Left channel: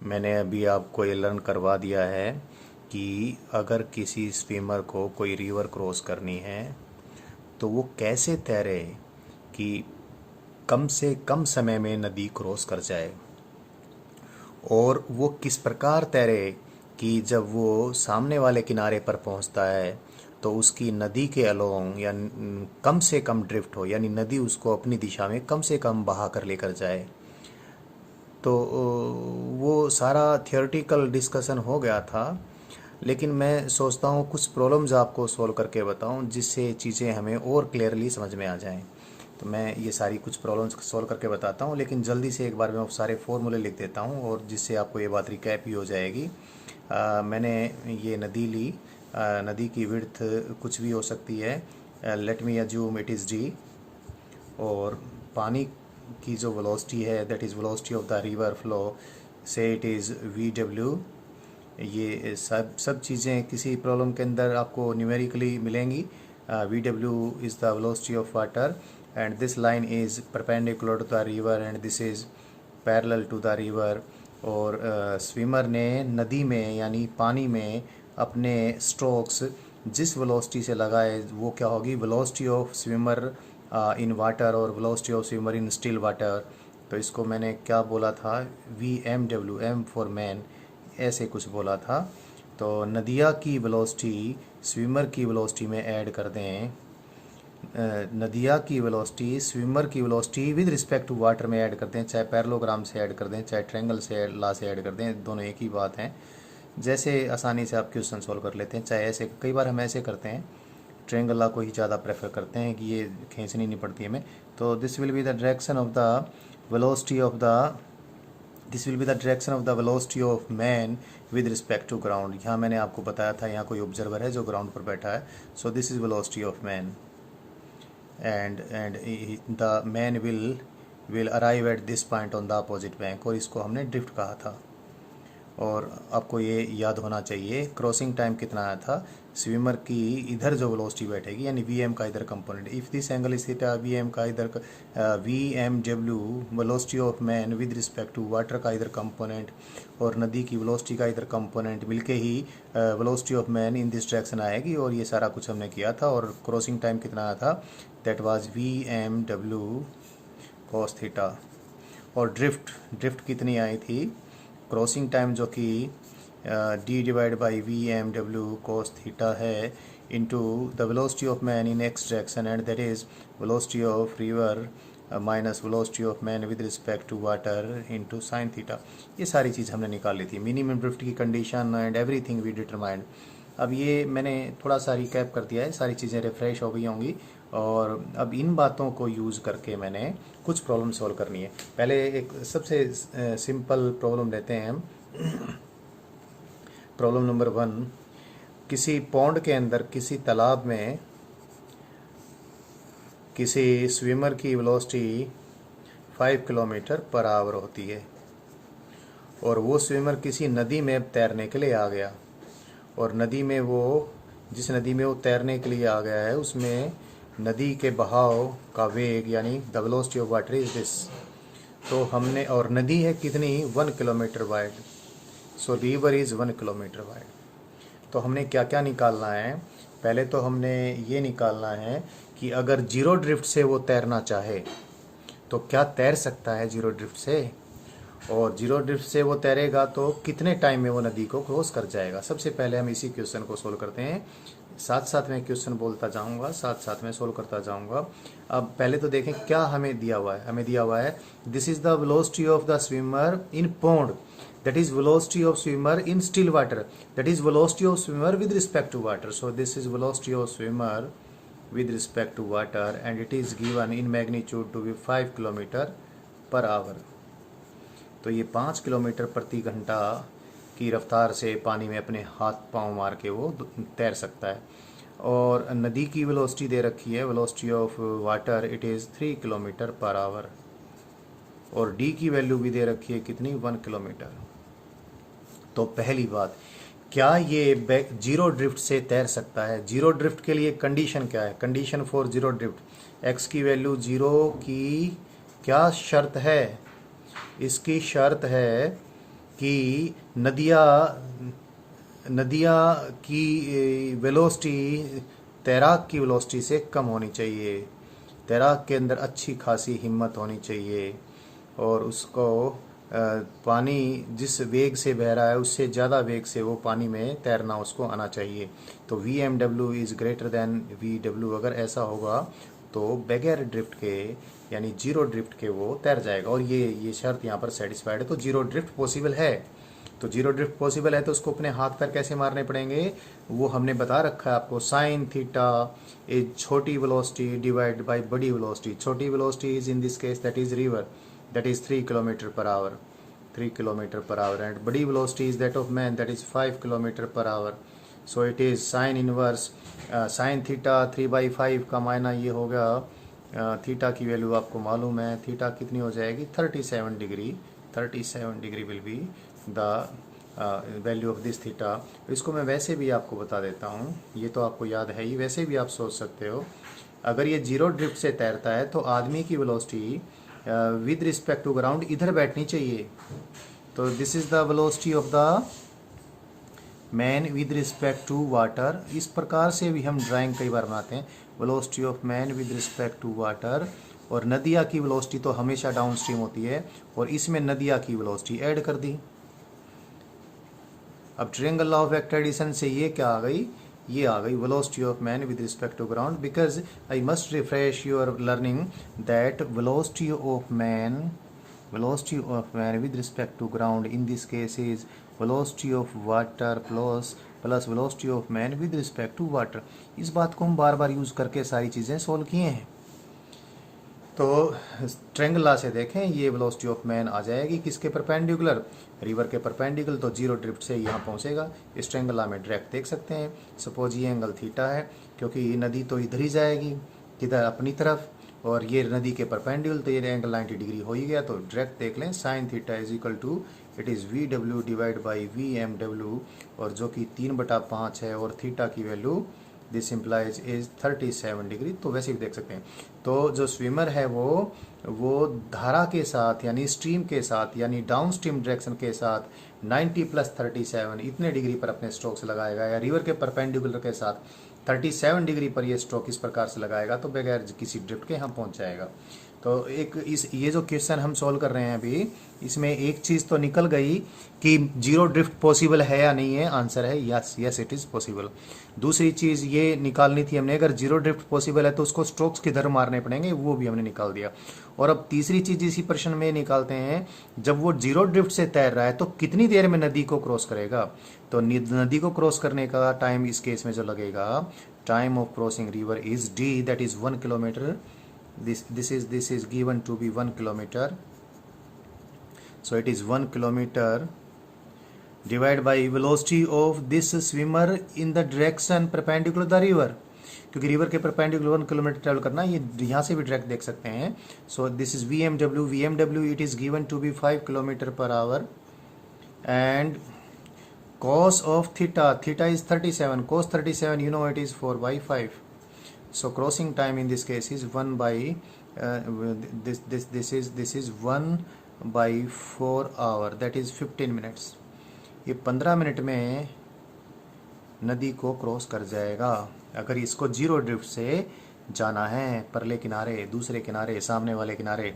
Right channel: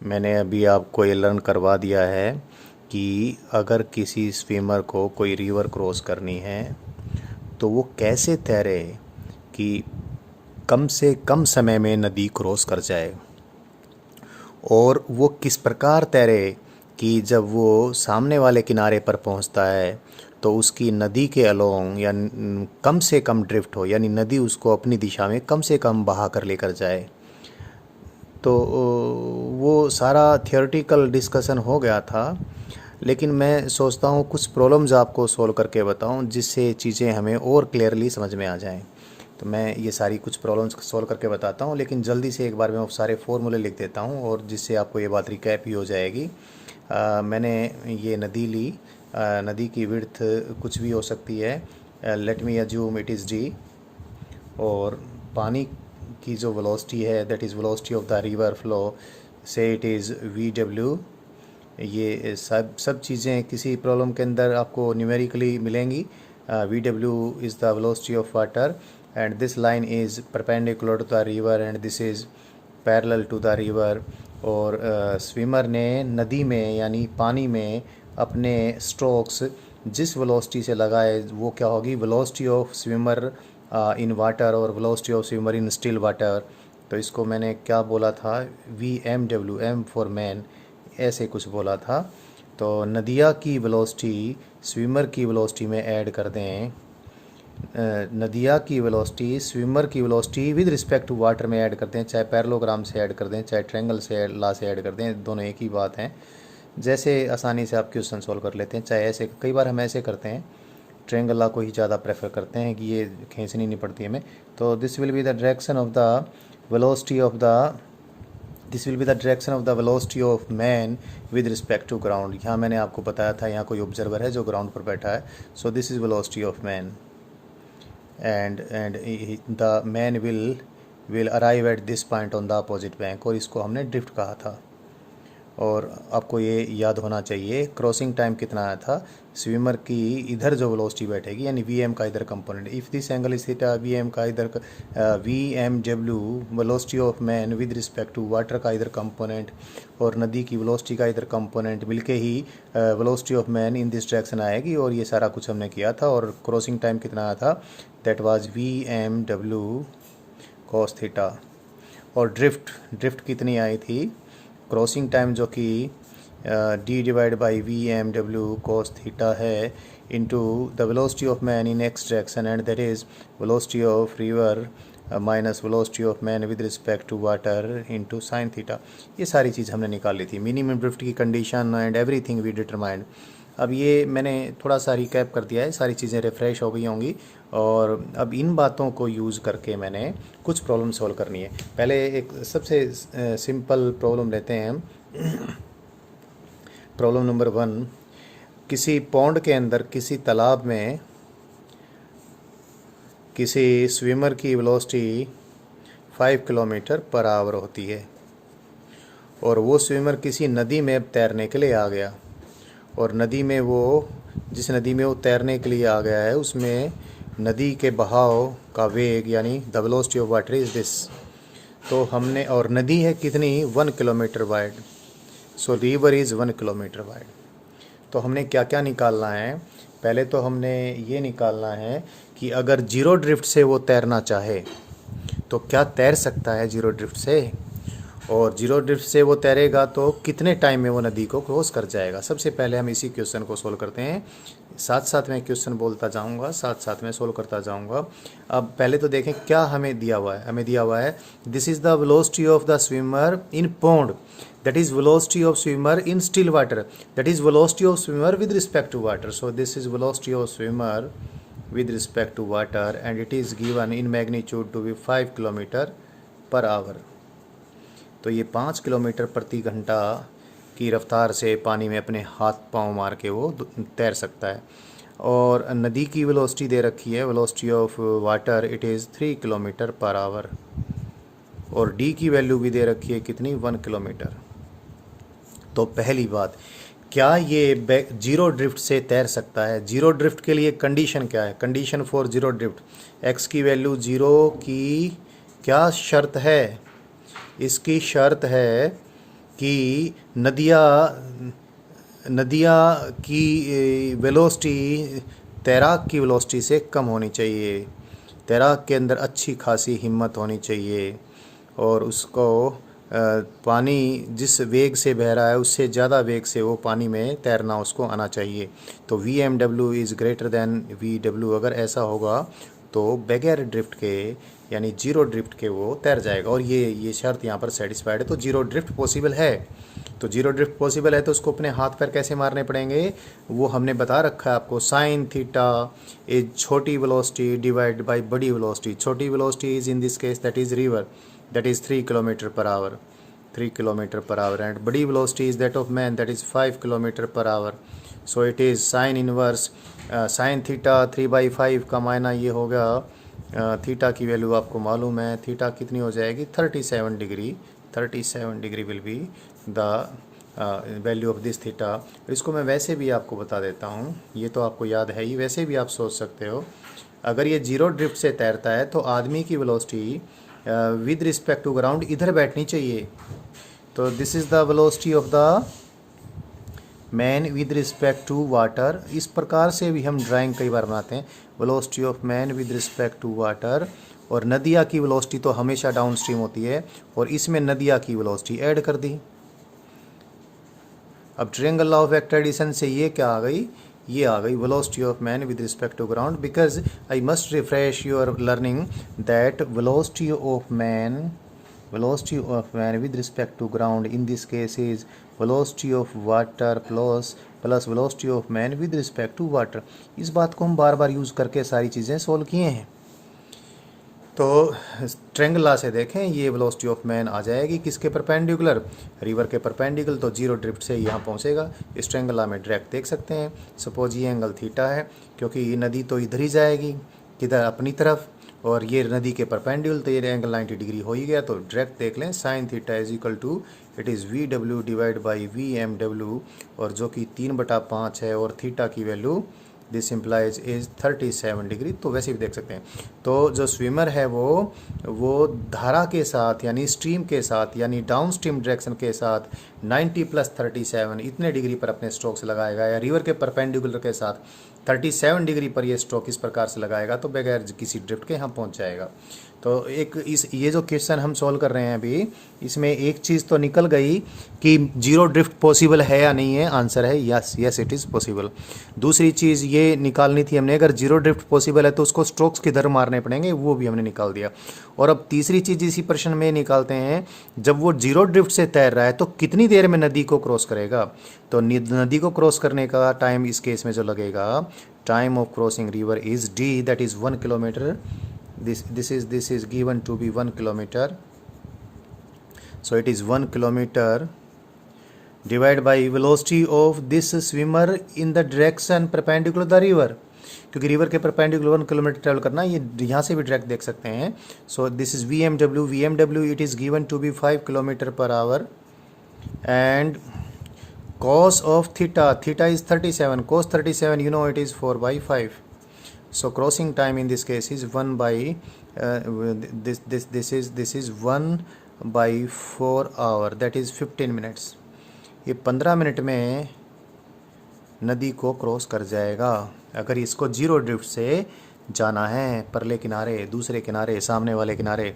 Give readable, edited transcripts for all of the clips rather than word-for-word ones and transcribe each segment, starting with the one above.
मैंने अभी आपको ये लर्न करवा दिया है कि अगर किसी स्विमर को कोई रिवर क्रॉस करनी है तो वो कैसे तैरे कि कम से कम समय में नदी क्रॉस कर जाए, और वो किस प्रकार तैरे कि जब वो सामने वाले किनारे पर पहुंचता है तो उसकी नदी के अलोंग या कम से कम ड्रिफ्ट हो, यानी नदी उसको अपनी दिशा में कम से कम बहा कर लेकर जाए। तो वो सारा थियोरेटिकल डिस्कशन हो गया था, लेकिन मैं सोचता हूँ कुछ प्रॉब्लम्स आपको सोल्व करके बताऊँ जिससे चीज़ें हमें और क्लियरली समझ में आ जाएं। तो मैं ये सारी कुछ प्रॉब्लम्स सोल्व करके बताता हूँ, लेकिन जल्दी से एक बार मैं सारे फॉर्मूले लिख देता हूँ और जिससे आपको ये बात रिकैप ही हो जाएगी। मैंने ये नदी ली। नदी की विड्थ कुछ भी हो सकती है, let me assume it is D. और पानी की जो वेलोसिटी है, that is velocity of the river flow, से इट इज़ वी डब्ल्यू। ये सब चीज़ें किसी प्रॉब्लम के अंदर आपको न्यूमेरिकली मिलेंगी। वी डब्ल्यू is the velocity of water and this line is perpendicular to the river and this is parallel to the river. और स्विमर ने नदी में यानी पानी में अपने स्ट्रोक्स जिस वेलोसिटी से लगाए वो क्या होगी, velocity of swimmer in water और velocity of swimmer in still water. तो इसको मैंने क्या बोला था, V M W, M for man, ऐसे कुछ बोला था। तो नदिया की वेलोसिटी स्विमर की वेलोसिटी में ऐड कर दें, नदिया की वेलोसिटी स्विमर की velocity with respect to water में ऐड कर दें, चाहे पैरेललोग्राम से ऐड कर दें चाहे ट्रायंगल से ला से ऐड कर दें, दोनों एक ही बात हैं। जैसे आसानी से आप क्वेश्चन सॉल्व कर लेते हैं, चाहे ऐसे, कई बार हम ऐसे करते हैं, ट्रायंगल ला को ही ज़्यादा प्रेफर करते हैं कि ये खींचनी नहीं पड़ती हमें। तो this will be the direction of the velocity of the this will be the direction of the velocity of man with respect to ground. यहाँ मैंने आपको बताया था यहाँ कोई ऑब्जर्वर है जो ग्राउंड पर बैठा है, so this is velocity of man and the man will arrive at this point on the opposite bank, और इसको हमने ड्रिफ्ट कहा था। और आपको ये याद होना चाहिए क्रॉसिंग टाइम कितना आया था, स्विमर की इधर जो वेलोसिटी बैठेगी यानी वी एम का इधर component, if this angle is theta, v m का इधर वी एम डब्ल्यू velocity of man with respect to water का इधर कंपोनेंट और नदी की वेलोसिटी का इधर कंपोनेंट मिलके ही velocity of man in this direction आएगी। और ये सारा कुछ हमने किया था। और क्रॉसिंग टाइम कितना आया था, that was V M W cos theta. और ड्रिफ्ट कितनी आई थी, क्रॉसिंग टाइम जो कि D divide by V M W cos theta है into the velocity of man in X direction and that is velocity of river minus velocity of man with respect to water into sine theta. ये सारी चीज़ हमने निकाल ली थी, minimum drift की condition and everything we determined. अब ये मैंने थोड़ा सा रिकैप कर दिया है, सारी चीज़ें रिफ्रेश हो गई होंगी। और अब इन बातों को यूज़ करके मैंने कुछ प्रॉब्लम सॉल्व करनी है। पहले एक सबसे सिंपल प्रॉब्लम लेते हैं हम। प्रॉब्लम नंबर 1, किसी पौंड के अंदर किसी तालाब में किसी स्विमर की वेलोसिटी 5 किलोमीटर पर आवर होती है और वो स्विमर किसी नदी में तैरने के लिए आ गया, और नदी में वो जिस नदी में वो तैरने के लिए आ गया है उसमें नदी के बहाव का वेग यानी the velocity of water is this. तो हमने, और नदी है कितनी, 1 kilometre wide, so river is 1 kilometre wide. तो हमने क्या क्या निकालना है, पहले तो हमने ये निकालना है कि अगर जीरो ड्रिफ्ट से वो तैरना चाहे तो क्या तैर सकता है जीरो ड्रिफ्ट से, और जीरो ड्रिफ्ट से वो तैरेगा तो कितने टाइम में वो नदी को क्रॉस कर जाएगा। सबसे पहले हम इसी क्वेश्चन को सोल्व करते हैं, साथ साथ में क्वेश्चन बोलता जाऊंगा, साथ साथ में सोल्व करता जाऊंगा। अब पहले तो देखें क्या हमें दिया हुआ है। हमें दिया हुआ है this is the velocity of the swimmer in pond, that is velocity of swimmer in still water, that is velocity of swimmer with respect to water. So this is velocity of swimmer with respect to water and it is given in magnitude to be 5 kilometer per hour. तो ये 5 kilometre प्रति घंटा की रफ्तार से पानी में अपने हाथ पांव मार के वो तैर सकता है। और नदी की वेलोसिटी दे रखी है, velocity of water it is 3 kilometre per our, और डी की वैल्यू भी दे रखी है कितनी, 1 किलोमीटर। तो पहली बात, क्या ये जीरो ड्रिफ्ट से तैर सकता है। जीरो ड्रिफ्ट के लिए कंडीशन क्या है, condition for zero drift, x की वैल्यू जीरो की क्या शर्त है, इसकी शर्त है कि नदियाँ की वेलोसिटी तैराक की वेलोसिटी से कम होनी चाहिए। तैराक के अंदर अच्छी खासी हिम्मत होनी चाहिए और उसको पानी जिस वेग से बह रहा है उससे ज़्यादा वेग से वो पानी में तैरना उसको आना चाहिए। तो VMW is greater than VW अगर ऐसा होगा तो बगैर ड्रिफ्ट के यानी जीरो ड्रिफ्ट के वो तैर जाएगा। और ये शर्त यहाँ पर सेटिस्फाइड है। तो जीरो ड्रिफ्ट पॉसिबल है। तो जीरो ड्रिफ्ट पॉसिबल है तो उसको अपने हाथ पैर कैसे मारने पड़ेंगे वो हमने बता रखा है आपको। साइन थीटा इज छोटी वेलोसिटी डिवाइड बाय बड़ी वेलोसिटी। छोटी velocity is in this case that is river, that is 3 kilometer per hour, 3 kilometer per hour, and body velocity is that of man, that is 5 kilometer per hour. So it is sin inverse sin theta 3/5 का मायना ये होगा theta की value आपको मालूम है। Theta कितनी हो जाएगी 37 degree. 37 degree will be the value of this theta. इसको मैं वैसे भी आपको बता देता हूँ, ये तो आपको याद है ही, वैसे भी आप सोच सकते हो अगर ये जीरो ड्रिफ्ट से तैरता है तो आदमी की velocity with respect to ground इधर बैठनी चाहिए। तो this is the velocity of the man with respect to water. इस प्रकार से भी हम ड्राइंग कई बार बनाते हैं, velocity of man with respect to water. और नदिया की वेलोसिटी तो हमेशा डाउन स्ट्रीम होती है और इसमें नदिया की वेलोसिटी ऐड कर दी। अब ट्रायंगल लॉ ऑफ एक्ट्रेडिशन से ये क्या आ गई, ये आ गई velocity of man with respect to ground. Because I must refresh your learning that velocity of man with respect to ground in this case is velocity of water plus velocity of man with respect to water. इस बात को हम बार बार use करके सारी चीज़ें solve किए हैं। तो ट्रायंगल लॉ से देखें ये वेलोसिटी ऑफ मैन आ जाएगी किसके परपेंडिकुलर, रिवर के परपेंडिकुलर। तो जीरो ड्रिफ्ट से यहाँ पहुँचेगा। इस ट्रायंगल लॉ में डायरेक्ट देख सकते हैं। सपोज ये एंगल थीटा है क्योंकि ये नदी तो इधर ही जाएगी, किधर अपनी तरफ, और ये नदी के परपेंडिकुलर, तो ये एंगल 90 डिग्री हो ही गया। तो डायरेक्ट देख लें sine theta is equal to it is VW divide by VMW, और जो कि 3/5 है, और थीटा की value this implies is 37 degree. तो वैसे भी देख सकते हैं। तो जो स्विमर है वो धारा के साथ यानी स्ट्रीम के साथ यानी डाउन स्ट्रीम डायरेक्शन के साथ 90 + 37 इतने डिग्री पर अपने स्ट्रोक्स लगाएगा, या रिवर के परपेंडिकुलर के साथ 37 डिग्री पर ये स्ट्रोक इस प्रकार से लगाएगा तो बगैर किसी ड्रिफ्ट के यहाँ पहुँच जाएगा। तो एक ये जो क्वेश्चन हम सॉल्व कर रहे हैं अभी, इसमें एक चीज़ तो निकल गई कि जीरो ड्रिफ्ट पॉसिबल है या नहीं है। आंसर है yes, yes it is possible. दूसरी चीज़ ये निकालनी थी हमने, अगर जीरो ड्रिफ्ट पॉसिबल है तो उसको स्ट्रोक्स किधर मारने पड़ेंगे, वो भी हमने निकाल दिया। और अब तीसरी चीज़ इसी प्रश्न में निकालते हैं, जब वो जीरो ड्रिफ्ट से तैर रहा है तो कितनी देर में नदी को क्रॉस करेगा। तो नदी को क्रॉस करने का टाइम इस केस में जो लगेगा, time of crossing river is D, that is 1 kilometre. this is given to be 1 kilometer, so it is 1 kilometer divided by velocity of this swimmer in the direction perpendicular the river, क्योंकि river के perpendicular 1 kilometre travel करना, ये यहाँ से भी direct देख सकते हैं। So this is VMW it is given to be 5 kilometre per hour, and cos of theta is 37, cos 37 you know it is 4/5. So crossing time in this case is 1 by this is 1/4 hour, that is 15 minutes. ये 15 minute में नदी को cross कर जाएगा अगर इसको zero drift से जाना है। परले किनारे, दूसरे किनारे, सामने वाले किनारे।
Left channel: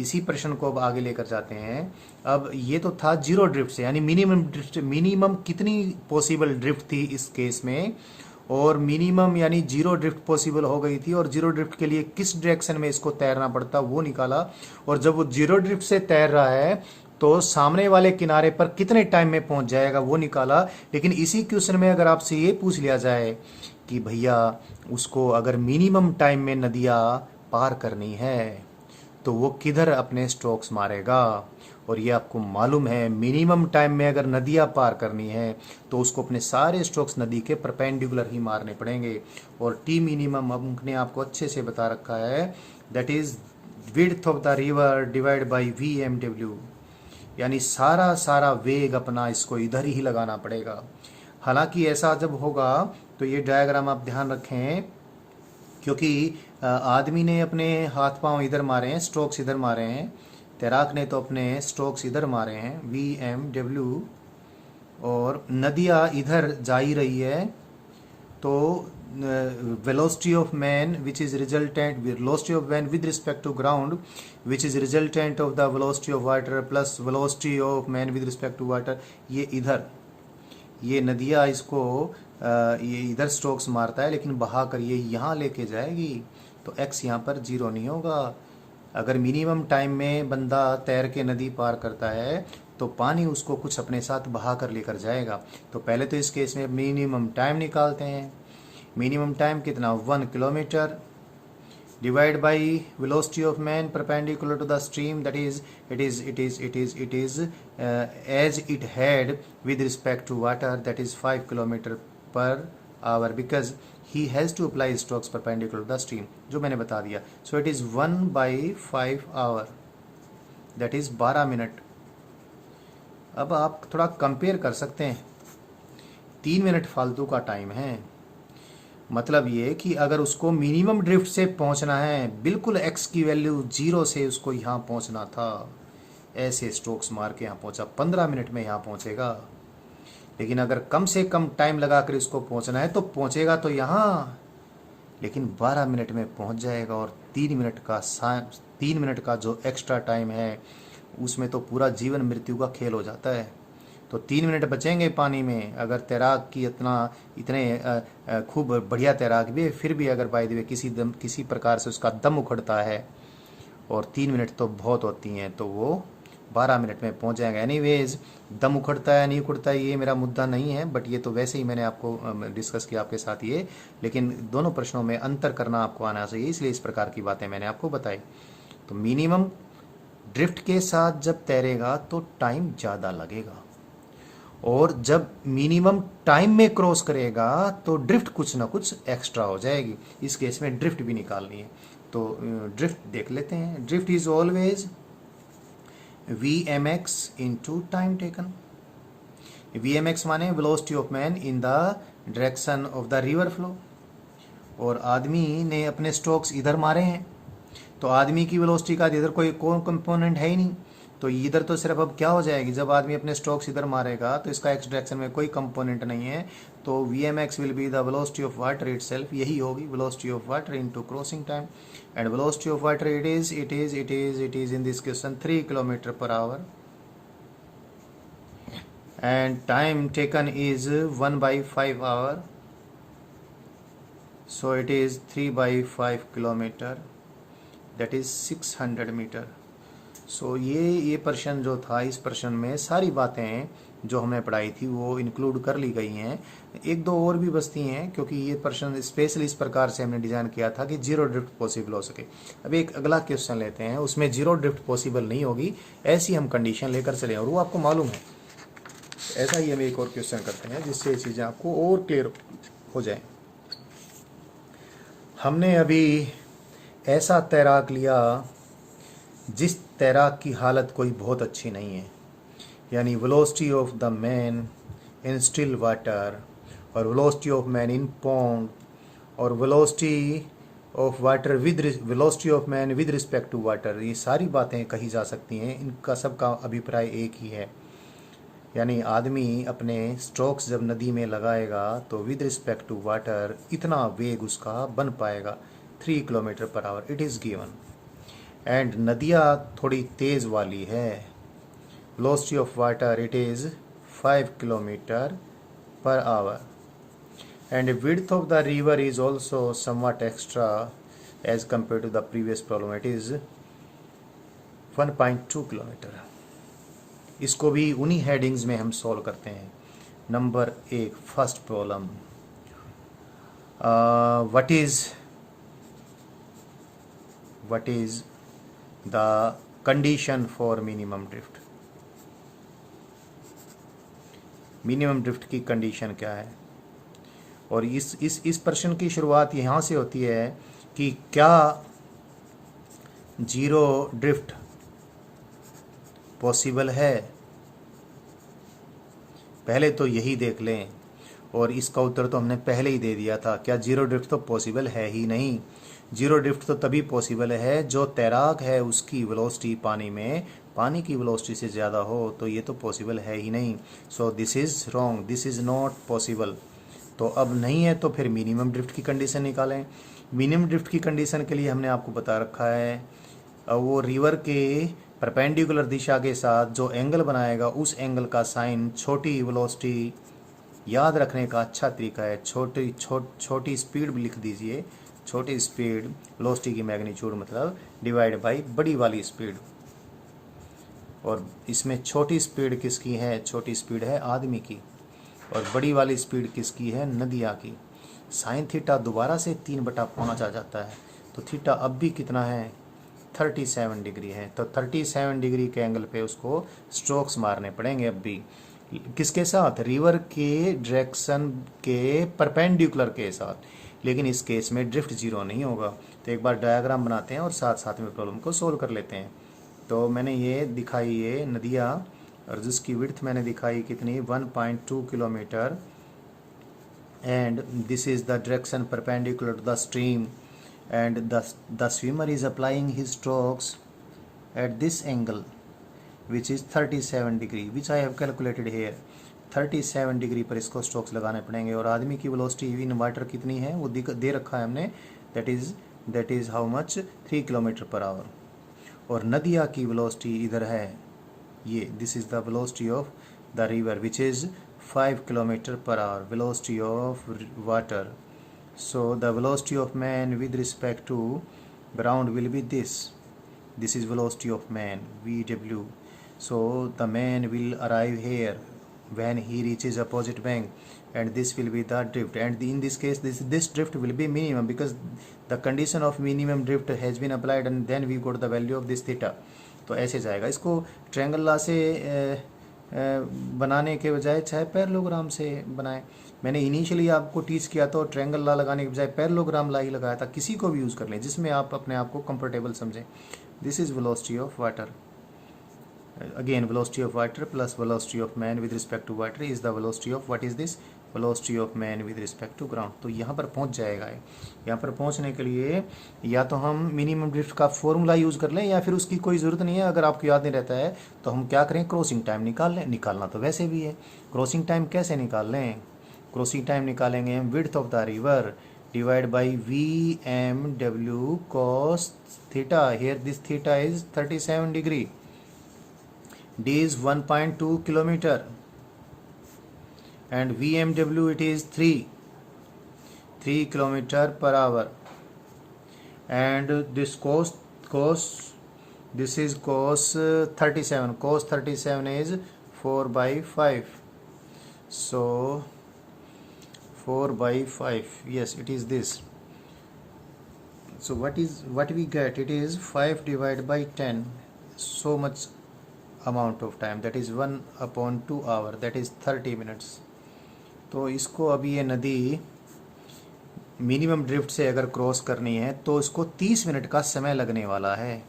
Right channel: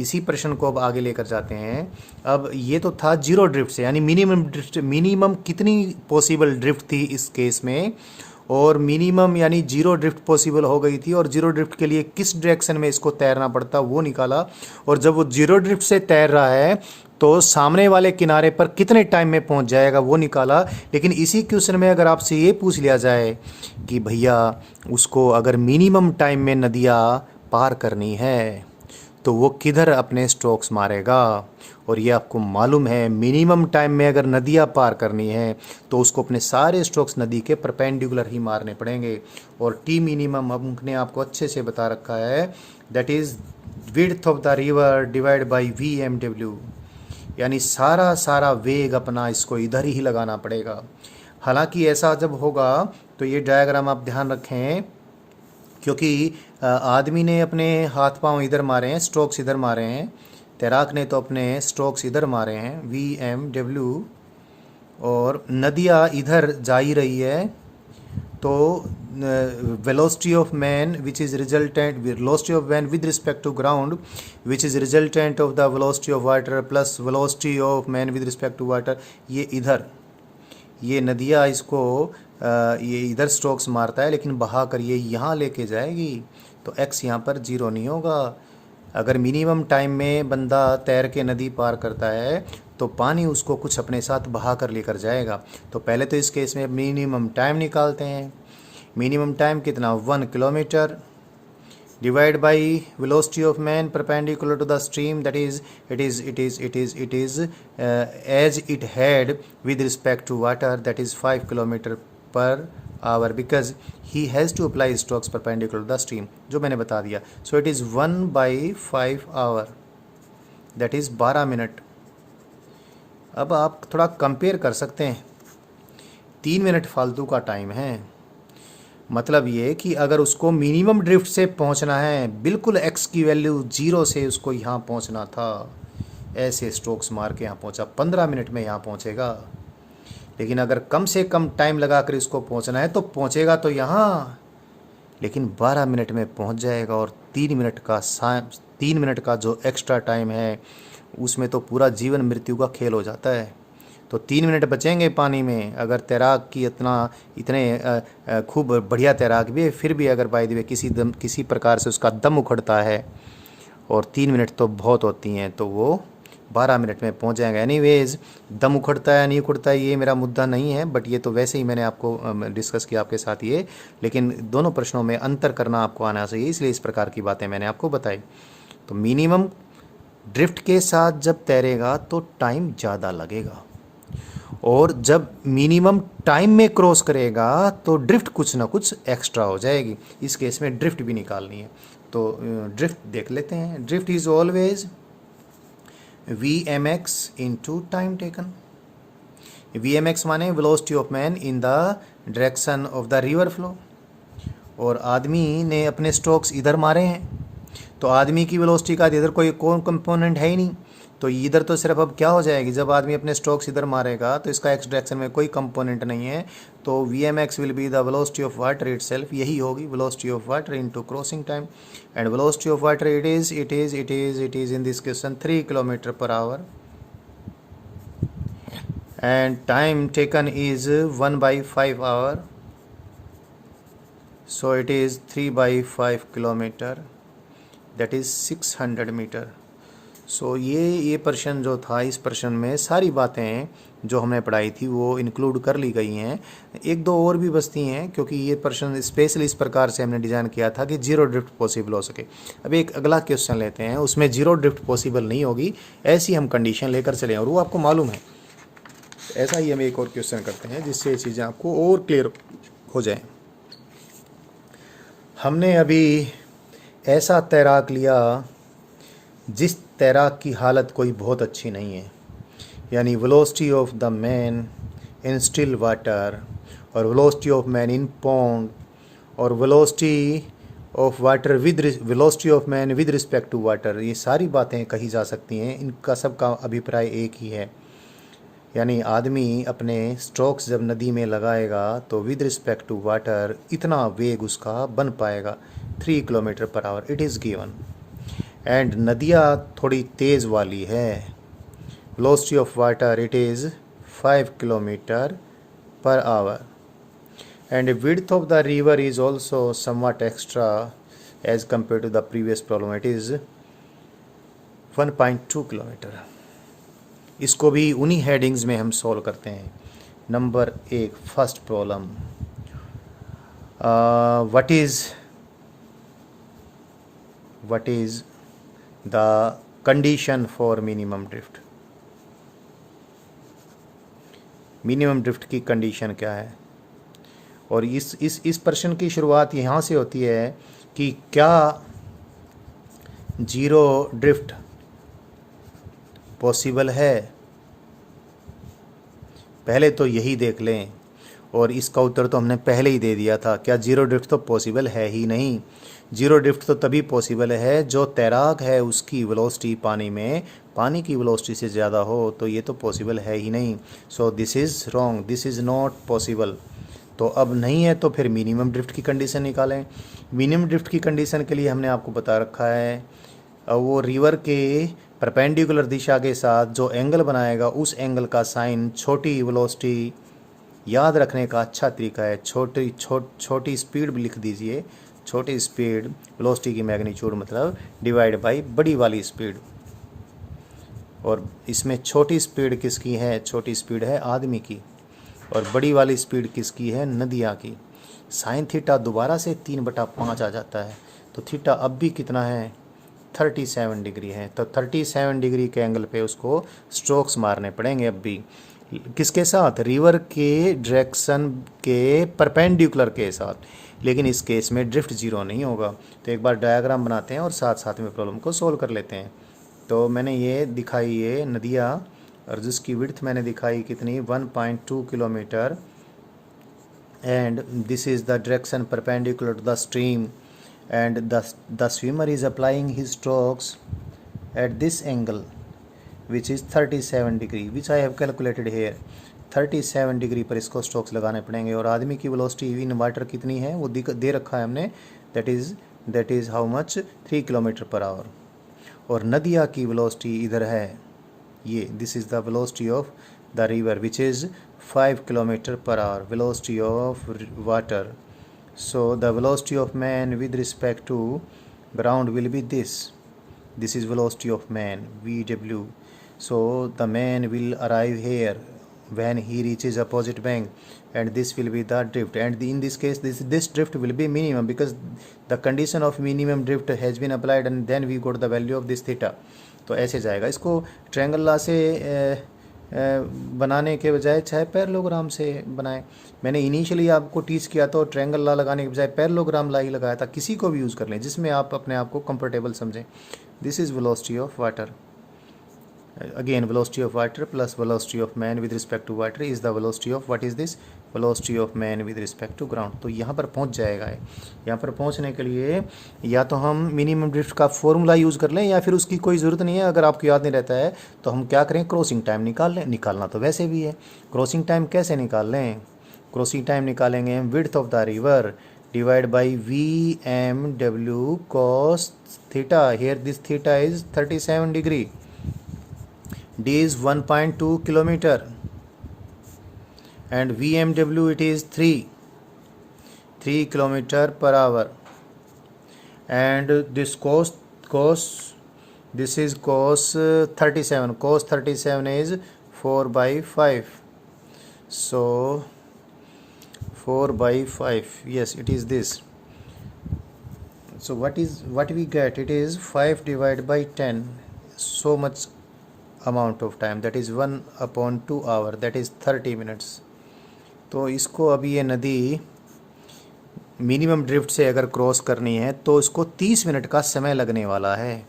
इसी प्रश्न को अब आगे लेकर जाते हैं। अब ये तो था जीरो ड्रिफ्ट से, यानी मिनिमम कितनी पॉसिबल ड्रिफ्ट थी इस केस में, और मिनिमम यानी जीरो ड्रिफ्ट पॉसिबल हो गई थी, और जीरो ड्रिफ्ट के लिए किस डायरेक्शन में इसको तैरना पड़ता वो निकाला। और जब वो जीरो ड्रिफ्ट से तैर रहा है तो सामने वाले किनारे पर कितने टाइम में पहुंच जाएगा वो निकाला। लेकिन इसी क्वेश्चन में अगर आपसे ये पूछ लिया जाए कि भैया उसको अगर मिनिमम टाइम में नदियाँ पार करनी है तो वो किधर अपने स्ट्रोक्स मारेगा, और ये आपको मालूम है मिनिमम टाइम में अगर नदियाँ पार करनी है तो उसको अपने सारे स्ट्रोक्स नदी के परपेंडिकुलर ही मारने पड़ेंगे। और T मिनिमम हमने आपको अच्छे से बता रखा है, that is width of the river divide by VMW, यानी सारा वेग अपना इसको इधर ही लगाना पड़ेगा। हालांकि ऐसा जब होगा तो ये डायग्राम आप ध्यान रखें, क्योंकि आदमी ने अपने हाथ पांव इधर मारे हैं, स्ट्रोक्स इधर मारे हैं, तैराक ने तो अपने स्ट्रोक्स इधर मारे हैं VMW, और नदिया इधर जा ही रही है, तो velocity of man which is resultant, velocity of man with respect to ground which is resultant of the velocity of water plus velocity of man with respect to water, ये इधर, ये नदिया इसको ये इधर स्ट्रोक्स मारता है, लेकिन बहा कर ये यहाँ लेके जाएगी, तो x यहाँ पर 0 नहीं होगा। अगर मिनिमम टाइम में बंदा तैर के नदी पार करता है तो पानी उसको कुछ अपने साथ बहा कर लेकर जाएगा। तो पहले तो इस केस में मिनिमम टाइम निकालते हैं। मिनिमम टाइम कितना, 1 kilometre divide by velocity of man perpendicular to the stream, that is it is as it had with respect to water, that is 5 kilometre per hour, because he has to apply strokes perpendicular to the stream, जो मैंने बता दिया। So it is 1/5 hour, that is 12 minute. अब आप थोड़ा compare कर सकते हैं, 3 मिनट फालतू का टाइम है। मतलब ये कि अगर उसको मिनिमम ड्रिफ्ट से पहुंचना है, बिल्कुल x की वैल्यू 0 से उसको यहाँ पहुंचना था, ऐसे स्ट्रोक्स मार के यहाँ पहुंचा, 15 मिनट में यहाँ पहुंचेगा। लेकिन अगर कम से कम टाइम लगा कर इसको पहुंचना है तो पहुंचेगा तो यहाँ, लेकिन 12 मिनट में पहुंच जाएगा। और 3 मिनट का जो एक्स्ट्रा टाइम है उसमें तो पूरा जीवन मृत्यु का खेल हो जाता है। तो 3 मिनट बचेंगे पानी में। अगर तैराक की इतने खूब बढ़िया तैराक भी है, फिर भी अगर बाय द वे किसी प्रकार से उसका दम उखड़ता है, और 3 मिनट तो बहुत होती हैं, तो वो 12 मिनट में पहुंच जाएगा। एनीवेज, दम उखड़ता है नहीं उखड़ता है ये मेरा मुद्दा नहीं है, बट ये तो वैसे ही मैंने आपको डिस्कस किया आपके साथ ये, लेकिन दोनों प्रश्नों में अंतर करना आपको आना चाहिए, इसलिए इस प्रकार की बातें मैंने आपको बताई। तो मिनिमम ड्रिफ्ट के साथ जब तैरेगा तो टाइम ज़्यादा लगेगा, और जब मिनिमम टाइम में क्रॉस करेगा तो ड्रिफ्ट कुछ ना कुछ एक्स्ट्रा हो जाएगी। इस केस में ड्रिफ्ट भी निकालनी है, तो ड्रिफ्ट देख लेते हैं। Drift is always VMX into time taken. VMX माने velocity of man in the direction of the river flow, और आदमी ने अपने स्ट्रोक्स इधर मारे हैं, तो आदमी की वेलोसिटी का इधर कोई कंपोनेंट है ही नहीं, तो इधर तो सिर्फ अब क्या हो जाएगी, जब आदमी अपने स्ट्रोक्स इधर मारेगा तो इसका एक्स डायरेक्शन में कोई कंपोनेंट नहीं है, तो VMX will be the velocity of water itself, यही होगी velocity of water into crossing time. And velocity of water it is in this question 3 kilometre per hour, and time taken is 1/5 hour, so it is 3/5 kilometre, that is 600 metre. So ये प्रश्न जो था, इस प्रश्न में सारी बातें जो हमने पढ़ाई थी वो इंक्लूड कर ली गई हैं। एक दो और भी बचती हैं, क्योंकि ये प्रश्न स्पेशली इस प्रकार से हमने डिज़ाइन किया था कि जीरो ड्रिफ्ट पॉसिबल हो सके। अब एक अगला क्वेश्चन लेते हैं, उसमें जीरो ड्रिफ्ट पॉसिबल नहीं होगी, ऐसी हम कंडीशन लेकर चलें, और वो आपको मालूम है। ऐसा ही हम एक और क्वेश्चन करते हैं जिससे ये चीज़ें आपको और क्लियर हो जाए। हमने अभी ऐसा तैराक लिया जिस तैराक की हालत कोई बहुत अच्छी नहीं है, यानी velocity of the man in still water, और velocity of man in pond, और velocity of water with velocity of man with respect to water. ये सारी बातें कही जा सकती हैं, इनका सबका अभिप्राय एक ही है, यानी आदमी अपने स्ट्रोक्स जब नदी में लगाएगा तो विद रिस्पेक्ट टू वाटर इतना वेग उसका बन पाएगा 3 kilometre per hour, it is given. And नदिया थोड़ी तेज़ वाली है, velocity of water it is 5 kilometre per hour, and width of the river is also somewhat extra as compare to the previous problem, it is 1.2 kilometre. इसको भी उन्हीं headings में हम सॉल्व करते हैं। Number 1, first problem, what is the condition for minimum drift. Minimum drift की condition क्या है, और इस प्रश्न की शुरुआत यहाँ से होती है कि क्या जीरो ड्रिफ्ट पॉसिबल है, पहले तो यही देख लें, और इसका उत्तर तो हमने पहले ही दे दिया था। क्या जीरो ड्रिफ्ट तो पॉसिबल है ही नहीं। जीरो ड्रिफ्ट तो तभी पॉसिबल है जो तैराक है उसकी वेलोसिटी पानी में पानी की वेलोसिटी से ज़्यादा हो, तो ये तो पॉसिबल है ही नहीं। So this is wrong, this is not possible. तो अब नहीं है तो फिर मिनिमम ड्रिफ्ट की कंडीशन निकालें। मिनिमम ड्रिफ्ट की कंडीशन के लिए हमने आपको बता रखा है, वो रिवर के परपेंडिकुलर दिशा के साथ जो एंगल बनाएगा उस एंगल का साइन छोटी वेलोसिटी याद रखने का अच्छा तरीका है। छोटी स्पीड भी लिख दीजिए। छोटी स्पीड वेलोसिटी की मैग्नीट्यूड मतलब डिवाइड बाई बड़ी वाली स्पीड। और इसमें छोटी स्पीड किसकी है? छोटी स्पीड है आदमी की, और बड़ी वाली स्पीड किसकी है? नदिया की। साइन थीटा दोबारा से 3/5 आ जाता है, तो थीटा अब भी कितना है? 37 डिग्री है। तो 37 डिग्री के एंगल पे उसको स्ट्रोक्स मारने पड़ेंगे अब भी। किसके साथ? रिवर के डायरेक्शन के परपेंडिकुलर के साथ। लेकिन इस केस में ड्रिफ्ट जीरो नहीं होगा। तो एक बार डायग्राम बनाते हैं और साथ साथ में प्रॉब्लम को सोल्व कर लेते हैं। तो मैंने ये दिखाई ये नदिया, और जिसकी विड्थ मैंने दिखाई कितनी? 1.2 kilometre. And this is the direction perpendicular to the stream, and the swimmer is applying his strokes at this angle which is 37 degree, which I have calculated here। 37 degree पर इसको स्ट्रोक्स लगाने पड़ेंगे। और आदमी की वेलोसिटी इन वाटर कितनी है वो दे रखा है हमने, that is how much? 3 kilometre per our. और नदिया की वेलोसिटी इधर है ये, this is the velocity of the river which is 5 kilometre per our, velocity of water. So the velocity of man with respect to ground will be this. This is velocity of man, VW. So the man will arrive here when he reaches opposite bank, and this will be the drift. And in this case, this drift will be minimum because the condition of minimum drift has been applied, and then we got the value of this theta. तो ऐसे जाएगा। इसको triangle law से बनाने के बजाय चाहे parallelogram से बनाएं। मैंने इनिशियली आपको टीच किया तो ट्रायंगल लॉ लगाने के बजाय पैरेललोग्राम लॉ ही लगाया था। किसी को भी यूज़ कर लें जिसमें आप अपने आप को कंफर्टेबल समझें। This is velocity of water. Again velocity of water plus velocity of man with respect to water is the velocity of what is this? Velocity of man with respect to ground. तो यहाँ पर पहुँच जाएगा। यहाँ पर पहुँचने के लिए या तो हम मिनिमम ड्रिफ्ट का फॉर्मूला यूज़ कर लें, या फिर उसकी कोई ज़रूरत नहीं है। अगर आपको याद नहीं रहता है तो हम क्या करें? क्रॉसिंग टाइम निकाल लें। निकालना तो वैसे भी है। क्रॉसिंग टाइम कैसे निकाल लें? क्रॉसिंग टाइम निकालेंगे हम width of the river divide by VMW cos theta. Here this theta is 37 degree. D is 1.2 kilometer and VMW it is 3 kilometer per hour, and this this is cos 37. Cos 37 is 4/5. So 4/5, yes, it is this. So what we get? It is 5 divided by 10. So much amount of time, that is 1/2 hour, that is 30 minutes. तो इसको अभी ये नदी minimum drift से अगर cross करनी है तो इसको 30 मिनट का समय लगने वाला है।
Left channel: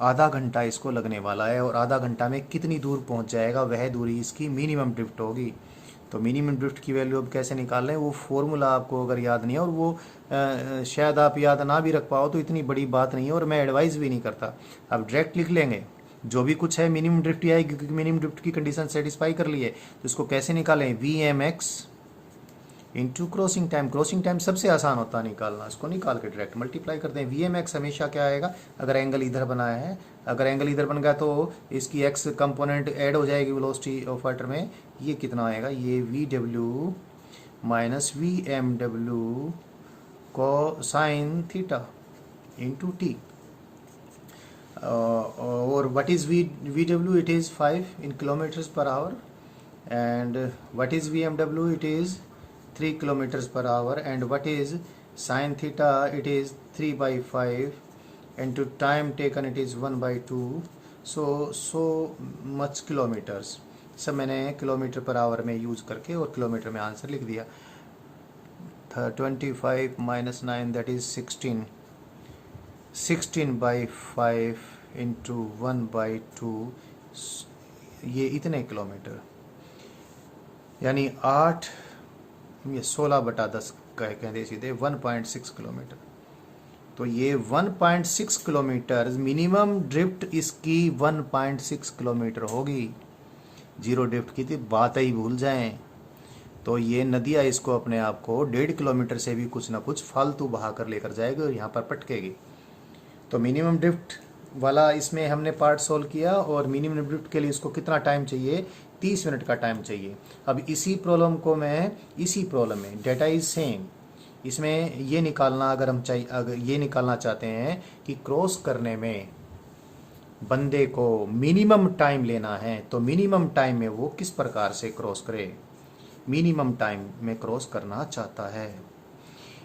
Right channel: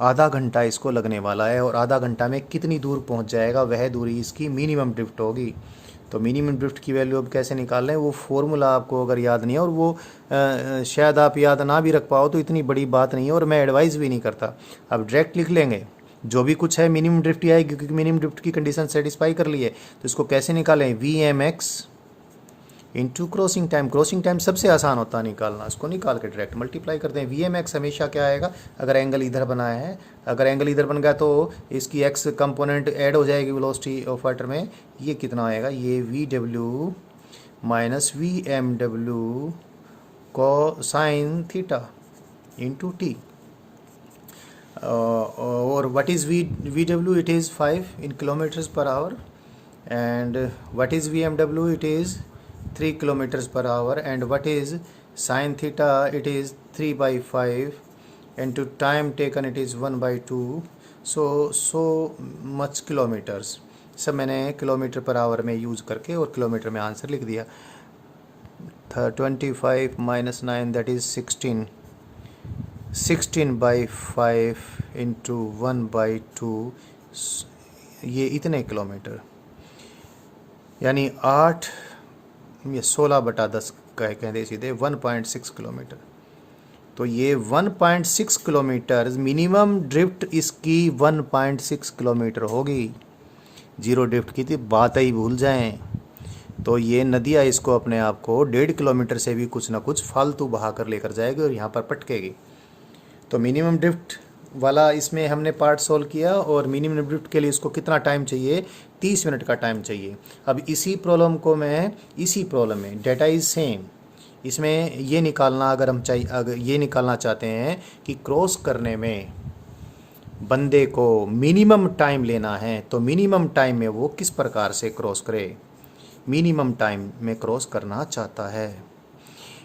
आधा घंटा इसको लगने वाला है, और आधा घंटा में कितनी दूर पहुंच जाएगा वह दूरी इसकी मिनिमम ड्रिफ्ट होगी। तो मिनिमम ड्रिफ्ट की वैल्यू अब कैसे निकाल लें? वो फॉर्मूला आपको अगर याद नहीं है, और वो शायद आप याद ना भी रख पाओ तो इतनी बड़ी बात नहीं है, और मैं एडवाइस भी नहीं करता। आप डायरेक्ट लिख लेंगे जो भी कुछ है, मिनिमम ड्रिफ्ट ही आएगी क्योंकि मिनिमम ड्रिफ्ट की कंडीशन सेटिस्फाई कर ली है। तो इसको कैसे निकालें? VMX into crossing time. Crossing time सबसे आसान होता है निकालना, इसको निकाल के डायरेक्ट मल्टीप्लाई करते हैं। VMX हमेशा क्या आएगा? अगर एंगल इधर बनाया है, अगर एंगल इधर बन गया तो इसकी x कंपोनेंट ऐड हो जाएगी वेलोसिटी ऑफ वाटर में। ये कितना आएगा? ये VW माइनस VMW को साइन थीटा इंटू टी। और what is VW? It is 5 in kilometers per hour. And what is VMW? It is 3 kilometers per hour. And what is sin theta? It is 3/5. And to time taken it is 1/2. So much kilometers. सब मैंने kilometre per our में use करके और kilometre में answer लिख दिया। 25 minus 9 that is 16। 16/5 into 1/2, ये इतने किलोमीटर, यानी 8 ये 16/10 कह दे सीधे 1.6 किलोमीटर। तो ये 1.6 किलोमीटर मिनिमम ड्रिफ्ट इसकी 1.6 किलोमीटर होगी। जीरो ड्रिफ्ट की थी बात ही भूल जाएं। तो ये नदियाँ इसको अपने आप को 1.5 किलोमीटर से भी कुछ ना कुछ फालतू बहा कर लेकर जाएगी और यहाँ पर पटकेगी। तो मिनिमम ड्रिफ्ट वाला इसमें हमने पार्ट सोल्व किया, और मिनिमम ड्रिफ्ट के लिए इसको कितना टाइम चाहिए, 30 मिनट का टाइम चाहिए। अब इसी प्रॉब्लम में डेटा इज सेम, इसमें ये निकालना अगर ये निकालना चाहते हैं कि क्रॉस करने में बंदे को मिनिमम टाइम लेना है, तो मिनिमम टाइम में वो किस प्रकार से क्रॉस करे, मिनिमम टाइम में क्रॉस करना चाहता है।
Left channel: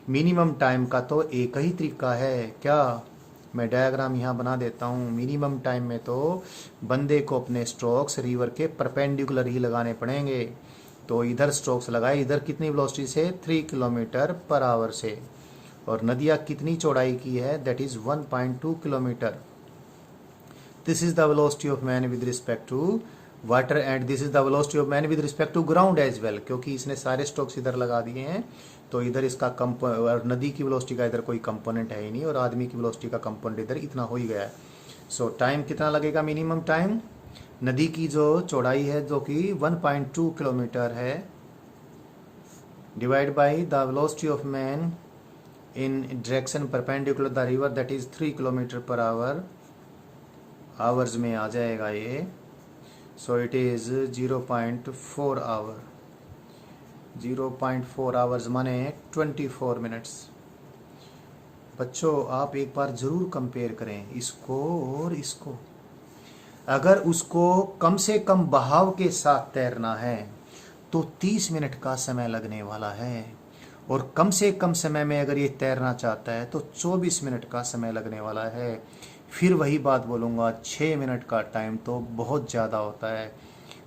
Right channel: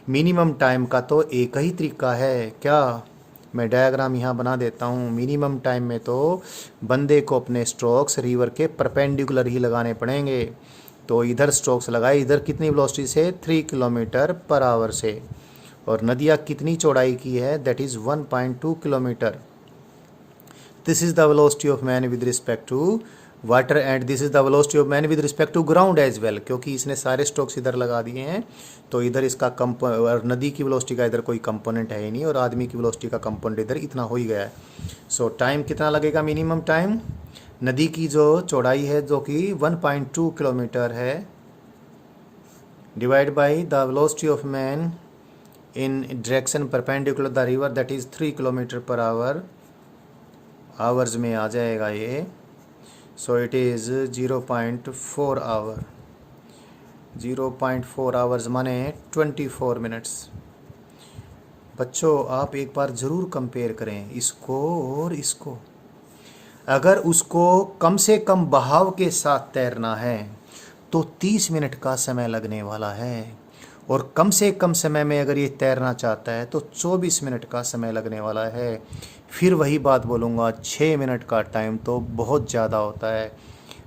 मिनिमम टाइम का तो एक ही तरीका है, क्या, मैं डायग्राम यहाँ बना देता हूँ। मिनिमम टाइम में तो बंदे को अपने स्ट्रोक्स रिवर के परपेंडिकुलर ही लगाने पड़ेंगे। तो इधर स्ट्रोक्स लगाए, इधर कितनी वेलोसिटी से, 3 किलोमीटर पर आवर से, और नदिया कितनी चौड़ाई की है, that is 1.2 kilometre. This is the velocity of man with respect to water, and this is the velocity of man with respect to ground as well, क्योंकि इसने सारे स्ट्रोक्स इधर लगा दिए हैं। तो इधर इसका और नदी की वेलोसिटी का इधर कोई कंपोनेंट है ही नहीं, और आदमी की वेलोसिटी का कंपोनेंट इधर इतना हो ही गया है। सो टाइम कितना लगेगा, मिनिमम टाइम, नदी की जो चौड़ाई है जो कि 1.2 किलोमीटर है, divide by the velocity of man in direction perpendicular the river, that is 3 kilometre per hour, hours में आ जाएगा ये। So it is 0.4 hour, 0.4 hours माने 24 मिनट्स। बच्चों आप एक बार ज़रूर कंपेयर करें इसको और इसको। अगर उसको कम से कम बहाव के साथ तैरना है तो 30 मिनट का समय लगने वाला है, और कम से कम समय में अगर ये तैरना चाहता है तो 24 मिनट का समय लगने वाला है। फिर वही बात बोलूँगा, 6 मिनट का टाइम तो बहुत ज़्यादा होता है।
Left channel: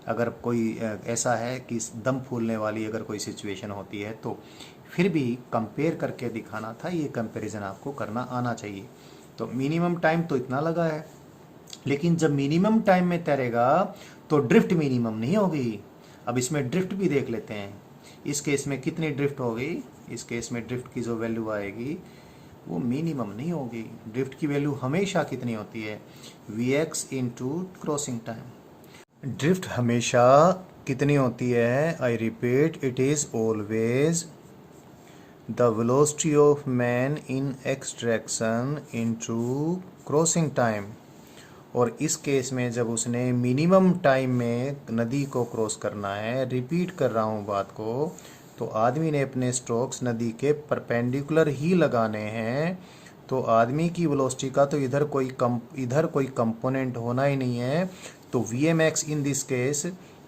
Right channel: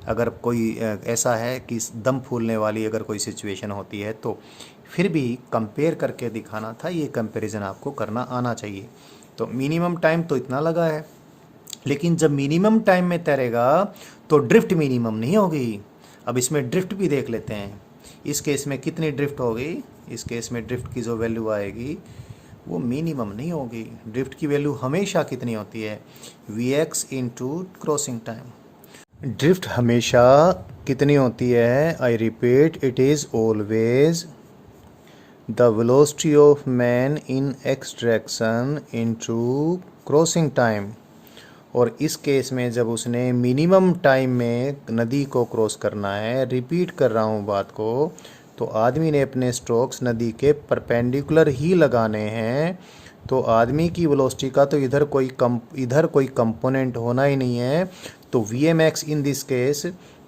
अगर कोई ऐसा है कि दम फूलने वाली अगर कोई सिचुएशन होती है, तो फिर भी कंपेयर करके दिखाना था, ये कंपैरिजन आपको करना आना चाहिए। तो मिनिमम टाइम तो इतना लगा है, लेकिन जब मिनिमम टाइम में तैरेगा तो ड्रिफ्ट मिनिमम नहीं होगी। अब इसमें ड्रिफ्ट भी देख लेते हैं, इस केस में कितनी ड्रिफ्ट होगी। इस केस में ड्रिफ्ट की जो वैल्यू आएगी वो मिनिमम नहीं होगी। ड्रिफ्ट की वैल्यू हमेशा कितनी होती है, Vx into crossing time. Drift हमेशा कितनी होती है, I repeat, it is always the velocity of man in X direction into crossing time. और इस केस में जब उसने मिनिमम टाइम में नदी को क्रॉस करना है, रिपीट कर रहा हूँ बात को, तो आदमी ने अपने स्ट्रोक्स नदी के परपेंडिकुलर ही लगाने हैं। तो आदमी की वेलोसिटी का तो इधर कोई कंपोनेंट होना ही नहीं है। तो Vmx in this case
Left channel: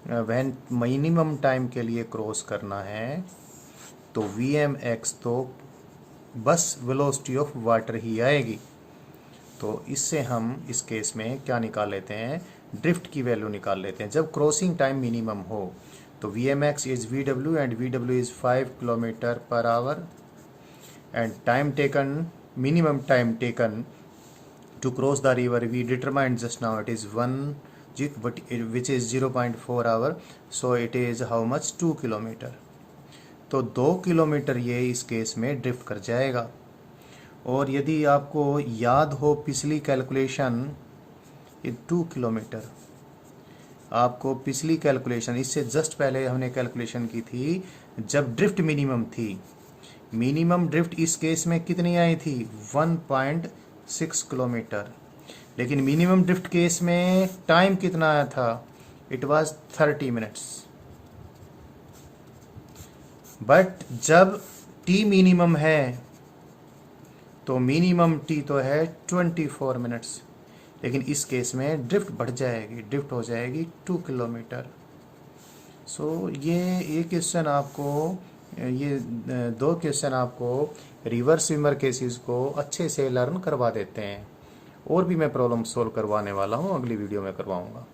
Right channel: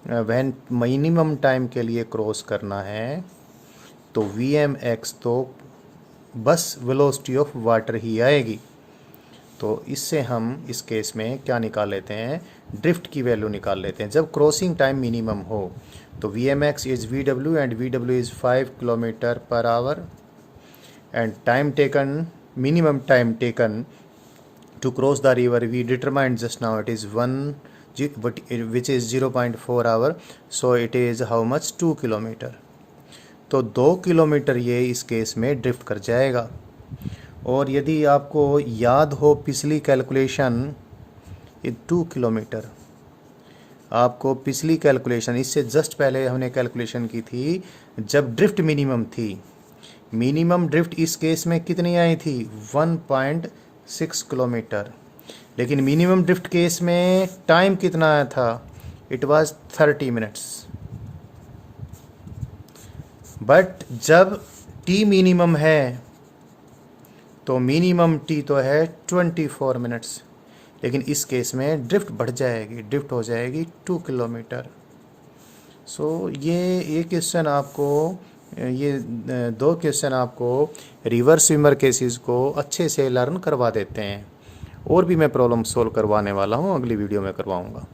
when minimum time के लिए क्रॉस करना है, तो Vmx तो बस वेलोसिटी ऑफ वाटर ही आएगी। तो इससे हम इस केस में क्या निकाल लेते हैं, ड्रिफ्ट की वैल्यू निकाल लेते हैं जब क्रॉसिंग टाइम मिनिमम हो। तो Vmx is Vw and Vw is 5 kilometre per hour, and time taken, minimum time taken to cross the river we determined just now, it is 1 which is 0.4 hour, so it is how much, 2 kilometre. तो 2 kilometre ये इस case में drift कर जाएगा। और यदि आपको याद हो पिछली कैलकुलेशन, 2 किलोमीटर, आपको पिछली कैलकुलेशन इससे जस्ट पहले हमने कैलकुलेशन की थी जब ड्रिफ्ट मिनिमम थी। मिनिमम ड्रिफ्ट इस केस में कितनी आई थी, 1.6 किलोमीटर। लेकिन मिनिमम ड्रिफ्ट केस में टाइम कितना आया था, इट वाज 30 मिनट्स। बट जब टी मिनिमम है तो मिनिमम टी तो है 24 मिनट्स, लेकिन इस केस में ड्रिफ्ट बढ़ जाएगी, ड्रिफ्ट हो जाएगी 2 किलोमीटर। सो ये क्वेश्चन आपको, ये 2 क्वेश्चन आपको रिवर स्विमर केसेस को अच्छे से लर्न करवा देते हैं। और भी मैं प्रॉब्लम सोल्व करवाने वाला हूँ, अगली वीडियो में करवाऊँगा।